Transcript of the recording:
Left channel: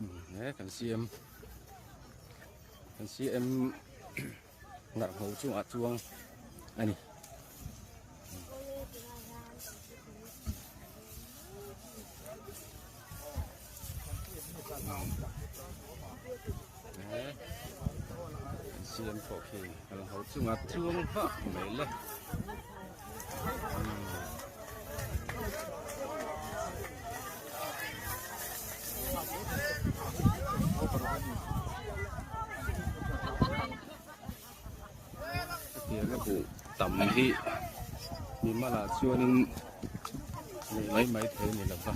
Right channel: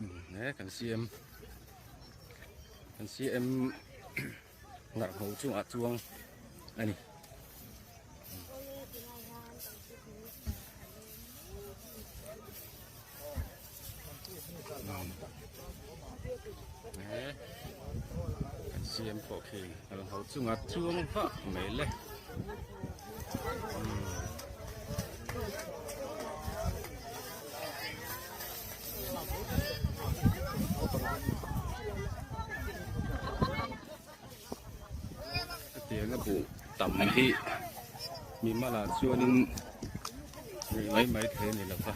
nè cần CM ngặt hậu chuông anh nè cần CM phổ kỳ ngặt hậu chuông vợ mấy lệ tiếng cái vụ tầm thì mình mà là xưa nên mấy thế này là phải